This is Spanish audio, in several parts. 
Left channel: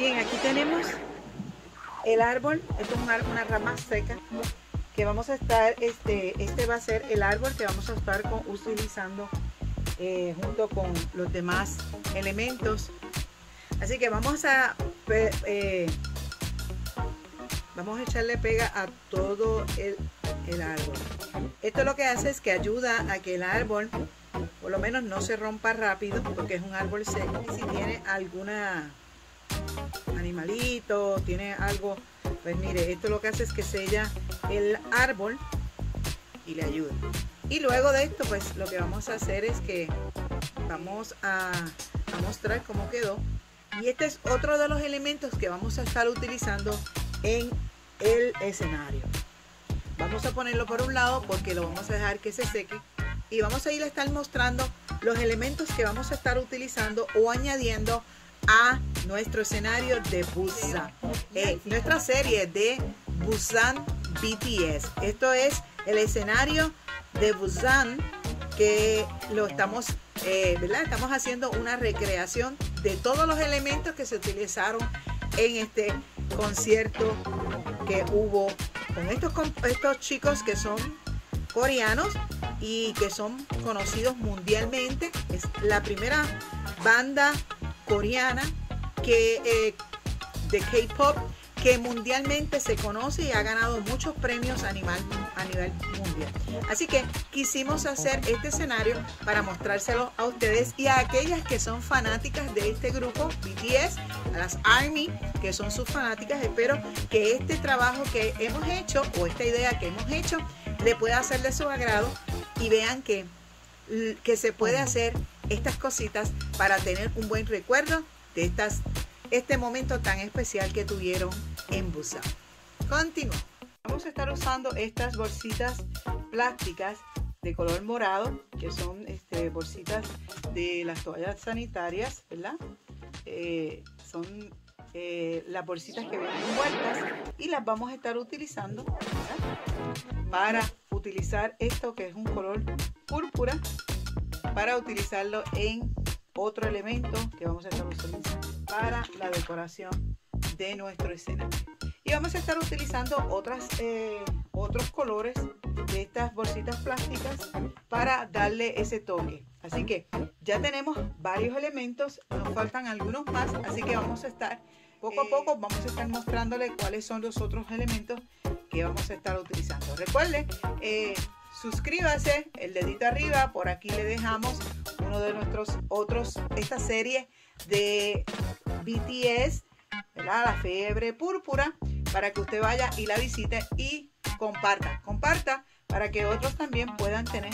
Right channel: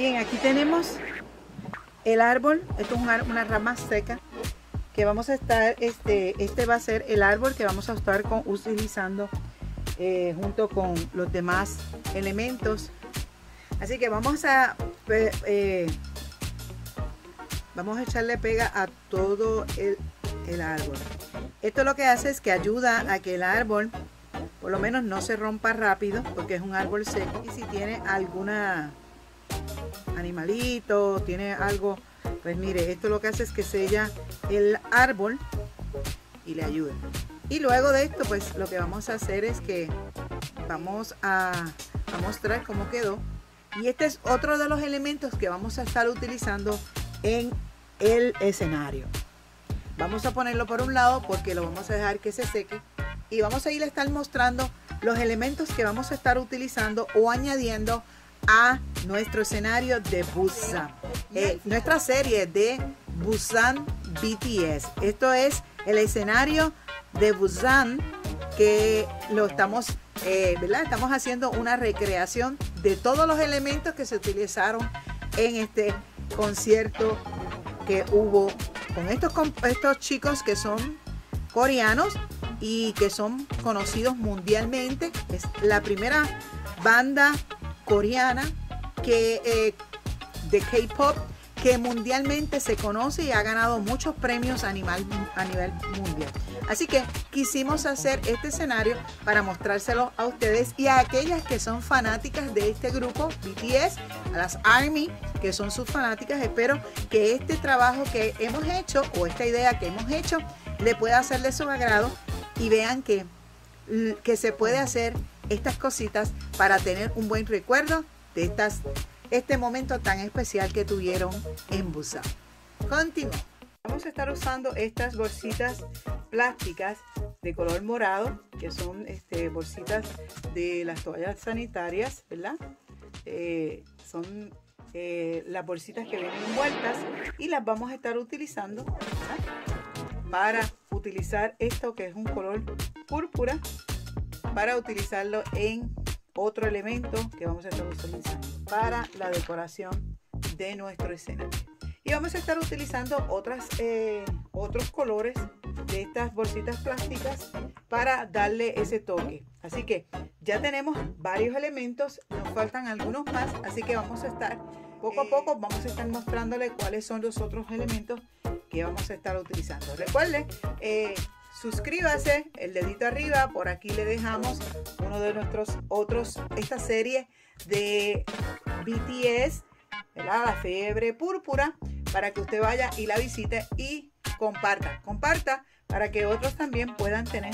Bien, aquí tenemos el árbol. Esto es una rama seca que vamos a estar, este va a ser el árbol que vamos a estar utilizando junto con los demás elementos. Así que vamos a echarle pega a todo el árbol. Esto lo que hace es que ayuda a que el árbol por lo menos no se rompa rápido, porque es un árbol seco. Y si tiene alguna animalito, tiene algo, pues mire, esto lo que hace es que sella el árbol y le ayuda. Y luego de esto, pues lo que vamos a hacer es que vamos a mostrar cómo quedó. Y este es otro de los elementos que vamos a estar utilizando en el escenario. Vamos a ponerlo por un lado porque lo vamos a dejar que se seque. Y vamos a ir a estar mostrando los elementos que vamos a estar utilizando o añadiendo a nuestro escenario de Busan. Nuestra serie de Busan BTS. Esto es el escenario de Busan que lo estamos, ¿verdad? Estamos haciendo una recreación de todos los elementos que se utilizaron en este concierto que hubo con estos chicos que son coreanos y que son conocidos mundialmente. Es la primera banda coreana de K-pop que mundialmente se conoce y ha ganado muchos premios a nivel mundial. Así que quisimos hacer este escenario para mostrárselo a ustedes y a aquellas que son fanáticas de este grupo BTS, a las ARMY que son sus fanáticas. Espero que este trabajo que hemos hecho o esta idea que hemos hecho le pueda hacer de su agrado y vean que se puede hacer estas cositas para tener un buen recuerdo de este momento tan especial que tuvieron en Busan. Continuamos. Vamos a estar usando estas bolsitas plásticas de color morado, que son bolsitas de las toallas sanitarias, ¿verdad? Son las bolsitas que vienen envueltas y las vamos a estar utilizando, ¿verdad? Para utilizar esto que es un color púrpura, para utilizarlo en otro elemento que vamos a estar utilizando para la decoración de nuestro escenario. Y vamos a estar utilizando otros colores de estas bolsitas plásticas para darle ese toque. Así que ya tenemos varios elementos, nos faltan algunos más, así que vamos a estar poco a poco, vamos a estar mostrándole cuáles son los otros elementos que vamos a estar utilizando. Recuerden, suscríbase, el dedito arriba, por aquí le dejamos uno de nuestros otros, esta serie de BTS, ¿verdad? La fiebre púrpura, para que usted vaya y la visite y comparta para que otros también puedan tener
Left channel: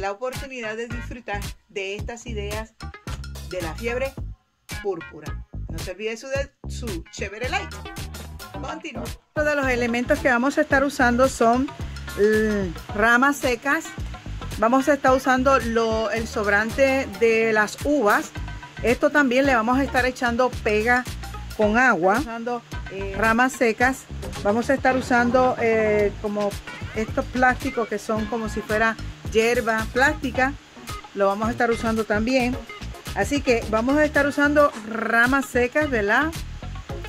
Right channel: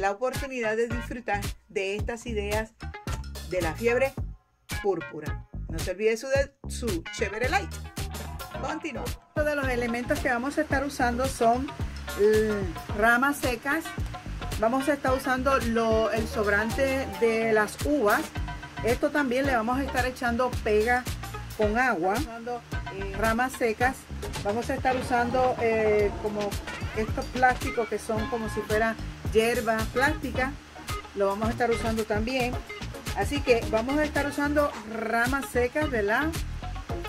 la oportunidad de disfrutar de estas ideas de la fiebre púrpura. No se olvide su chévere like. Continuamos. Todos los elementos que vamos a estar usando son ramas secas. Vamos a estar usando el sobrante de las uvas. Esto también le vamos a estar echando pega con agua. Usando ramas secas. Vamos a estar usando como estos plásticos que son como si fuera hierba plástica. Lo vamos a estar usando también. Así que vamos a estar usando ramas secas, ¿verdad?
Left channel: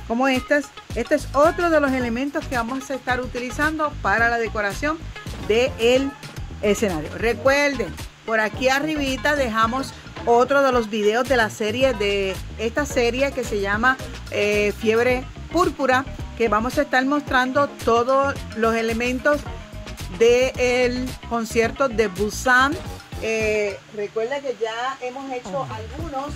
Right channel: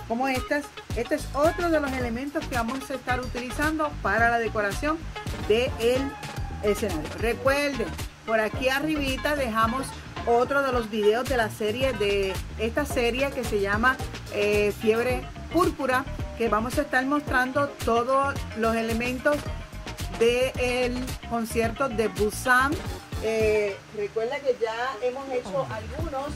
Como estas. Este es otro de los elementos que vamos a estar utilizando para la decoración del escenario. Recuerden, por aquí arribita dejamos otro de los videos de la serie, de esta serie que se llama Fiebre Púrpura, que vamos a estar mostrando todos los elementos del concierto de Busan. Recuerden que ya hemos hecho algunos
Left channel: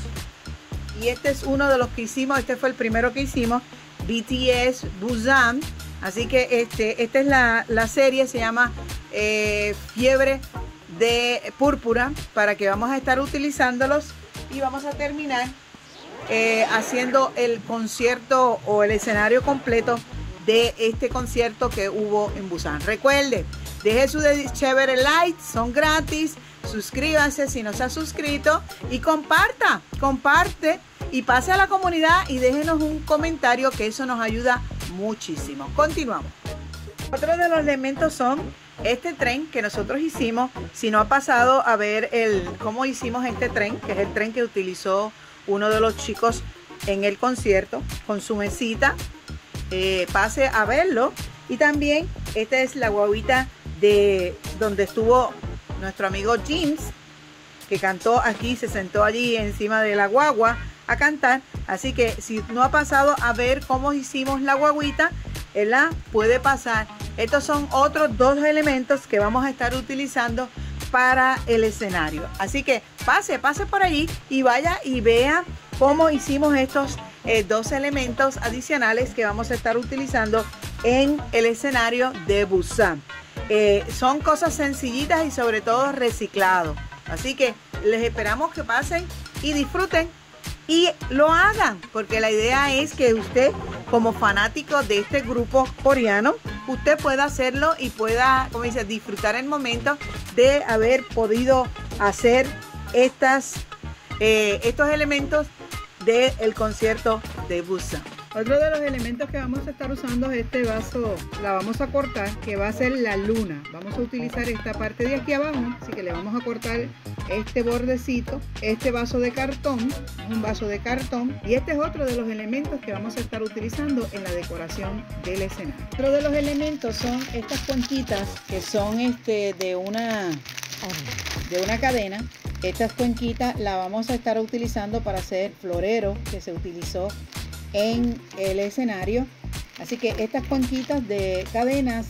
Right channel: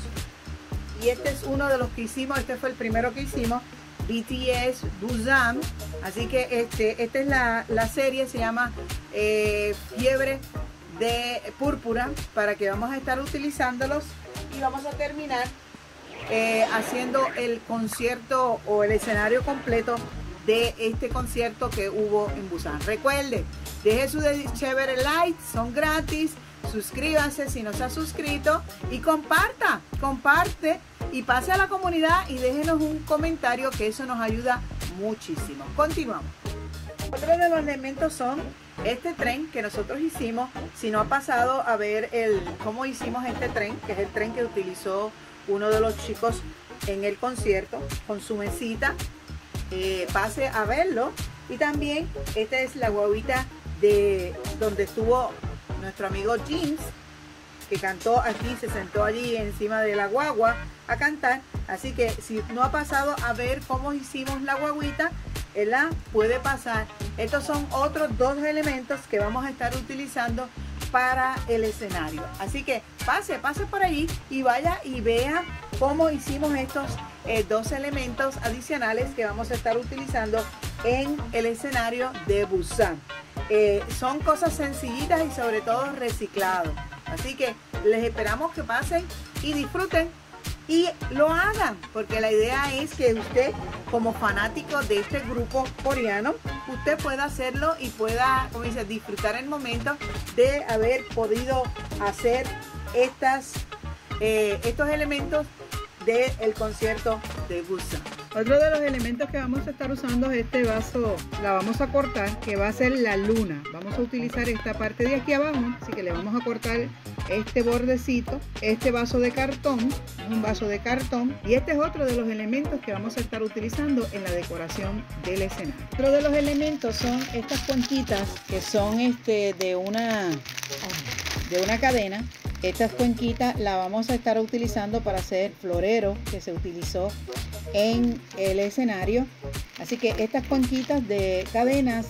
y este es uno de los que hicimos. Este fue el primero que hicimos, BTS Busan. Así que esta es la serie, se llama Fiebre de Púrpura, para que vamos a estar utilizándolos y vamos a terminar haciendo el concierto o el escenario completo de este concierto que hubo en Busan. Recuerde, deje su chévere like, son gratis. Suscríbanse si no se ha suscrito y comparte y pase a la comunidad y déjenos un comentario, que eso nos ayuda muchísimo. Continuamos. Otro de los elementos son este tren que nosotros hicimos. Si no ha pasado a ver cómo hicimos este tren, que es el tren que utilizó uno de los chicos en el concierto con su mesita. Pase a verlo. Y también esta es la guaguita de donde estuvo nuestro amigo James, que cantó aquí, se sentó allí encima de la guagua a cantar. Así que si no ha pasado a ver cómo hicimos la guaguita, la puede pasar. Estos son otros dos elementos que vamos a estar utilizando para el escenario. Así que pase por allí y vaya y vea cómo hicimos estos dos elementos adicionales que vamos a estar utilizando en el escenario de Busan. Son cosas sencillitas y sobre todo reciclado. Así que les esperamos que pasen y disfruten y lo hagan, porque la idea es que usted, como fanático de este grupo coreano, usted pueda hacerlo y pueda, como dice, disfrutar el momento de haber podido hacer estos elementos del concierto de Busan. Otro de los elementos que vamos a estar usando es este vaso, la vamos a cortar, que va a ser la luna. Vamos a utilizar esta parte de aquí abajo, así que le vamos a cortar este bordecito, este vaso de cartón, un vaso de cartón, y este es otro de los elementos que vamos a estar utilizando en la decoración del escenario. Otro de los elementos son estas cuenquitas que son de una cadena. Estas cuenquitas las vamos a estar utilizando para hacer florero que se utilizó en el escenario. Así que estas cuenquitas de cadenas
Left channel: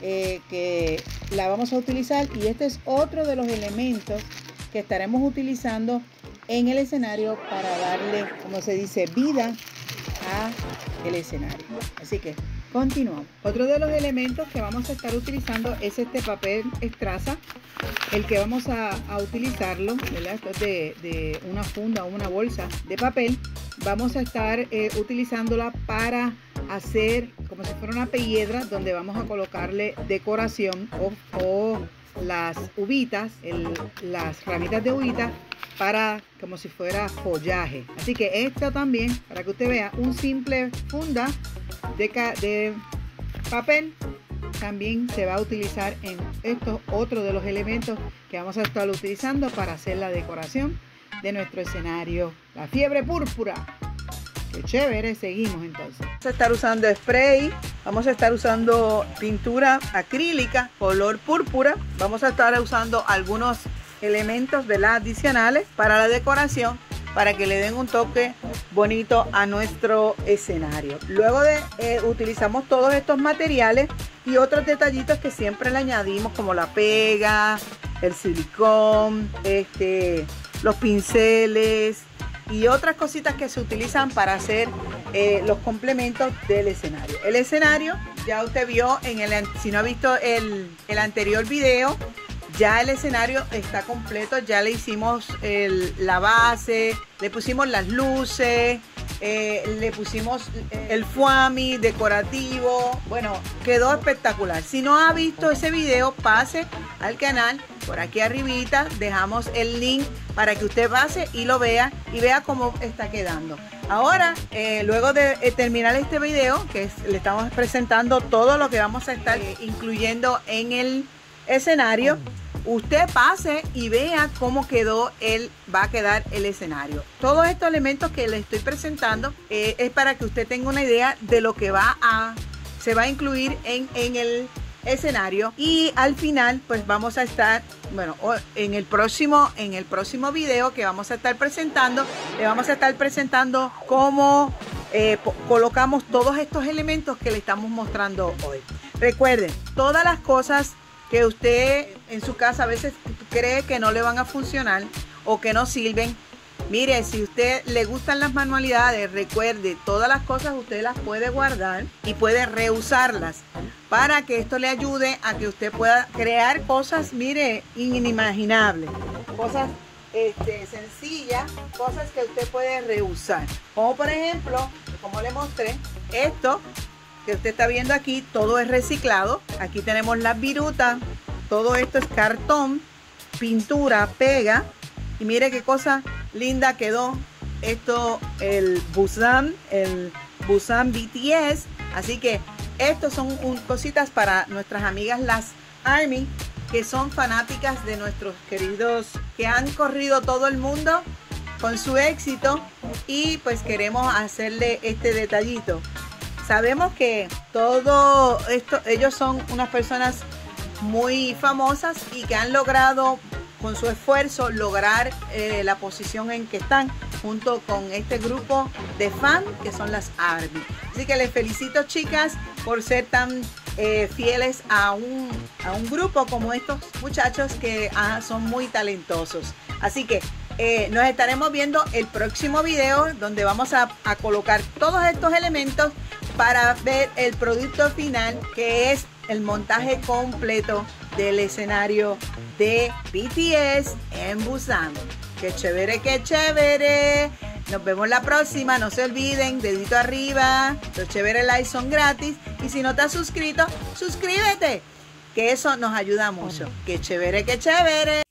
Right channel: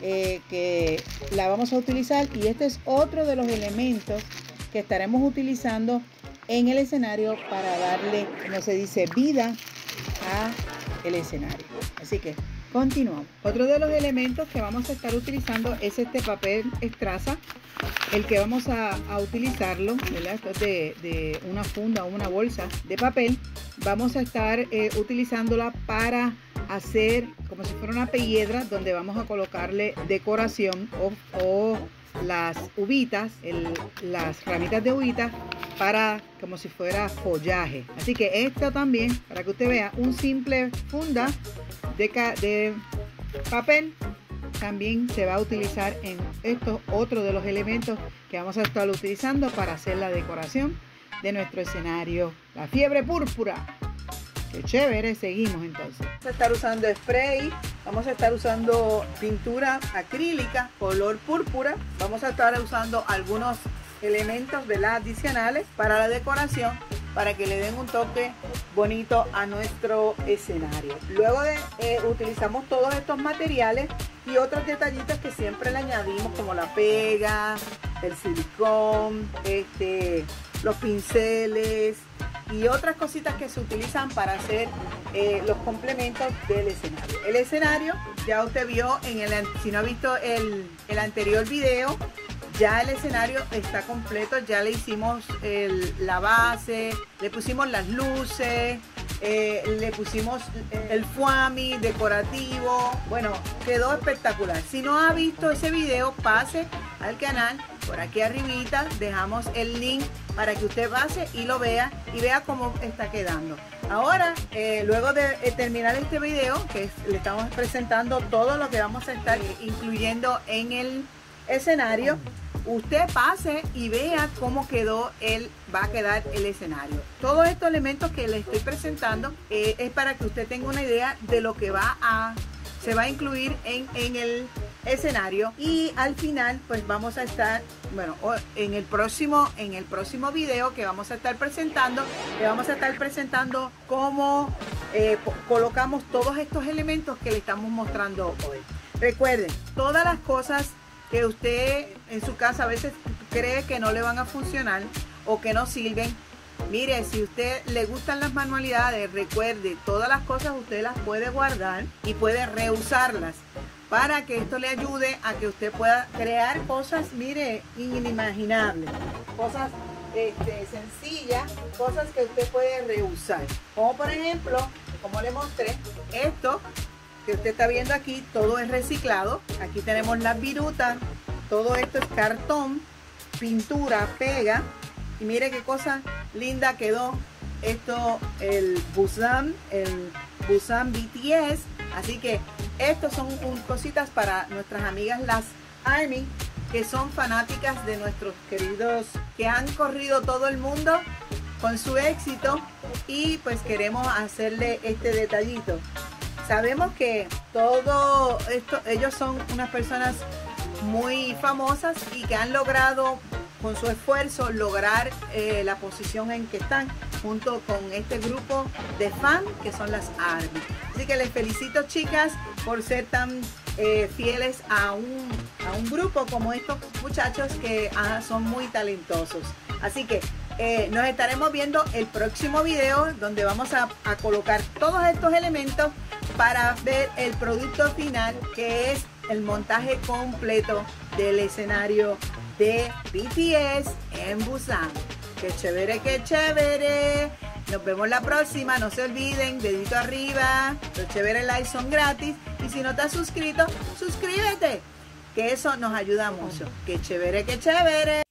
que la vamos a utilizar, y este es otro de los elementos que estaremos utilizando en el escenario para darle, como se dice, vida a el escenario. Así que continuamos. Otro de los elementos que vamos a estar utilizando es este papel estraza, el que vamos a utilizarlo, ¿verdad? Esto es de una funda o una bolsa de papel. Vamos a estar utilizándola para hacer como si fuera una piedra donde vamos a colocarle decoración o las uvitas, las ramitas de uvita, para como si fuera follaje. Así que esto también, para que usted vea, un simple funda de papel también se va a utilizar en esto, otro de los elementos que vamos a estar utilizando para hacer la decoración de nuestro escenario, la fiebre púrpura. Qué chévere. Seguimos entonces. Vamos a estar usando spray, vamos a estar usando pintura acrílica color púrpura, vamos a estar usando algunos elementos, ¿verdad?, adicionales para la decoración, para que le den un toque bonito a nuestro escenario. Luego utilizamos todos estos materiales y otros detallitos que siempre le añadimos, como la pega, el silicón, los pinceles y otras cositas que se utilizan para hacer los complementos del escenario. El escenario ya usted vio si no ha visto el anterior video, ya el escenario está completo, ya le hicimos la base, le pusimos las luces, le pusimos el foamy decorativo. Bueno, quedó espectacular. Si no ha visto ese video, pase al canal, por aquí arribita dejamos el link para que usted pase y lo vea y vea cómo está quedando. Ahora, luego de terminar este video, que le estamos presentando todo lo que vamos a estar incluyendo en el escenario, usted pase y vea cómo va a quedar el escenario. Todos estos elementos que le estoy presentando es para que usted tenga una idea de lo que se va a incluir en el escenario. Y al final, pues vamos a estar, bueno, en el próximo video que vamos a estar presentando, le vamos a estar presentando cómo colocamos todos estos elementos que le estamos mostrando hoy. Recuerden, todas las cosas que usted en su casa a veces cree que no le van a funcionar o que no sirven, mire, si usted le gustan las manualidades, recuerde, todas las cosas usted las puede guardar y puede reusarlas para que esto le ayude a que usted pueda crear cosas, mire, inimaginables, cosas sencillas, cosas que usted puede reusar, como por ejemplo, como le mostré, esto que usted está viendo aquí, todo es reciclado. Aquí tenemos las virutas, todo esto es cartón, pintura, pega, y mire qué cosa linda quedó esto, el Busan BTS. Así que estos son cositas para nuestras amigas las ARMY, que son fanáticas de nuestros queridos, que han corrido todo el mundo con su éxito y pues queremos hacerle este detallito. Sabemos que todo esto, ellos son unas personas muy famosas y que han logrado con su esfuerzo lograr la posición en que están junto con este grupo de fans que son las ARMY. Así que les felicito, chicas, por ser tan fieles a un grupo como estos muchachos que son muy talentosos. Así que nos estaremos viendo el próximo video, donde vamos a colocar todos estos elementos para ver el producto final, que es el montaje completo del escenario de BTS en Busan. ¡Qué chévere, qué chévere! Nos vemos la próxima. No se olviden, dedito arriba. Los chéveres likes son gratis. Y si no te has suscrito, suscríbete, que eso nos ayuda mucho. ¡Qué chévere, qué chévere!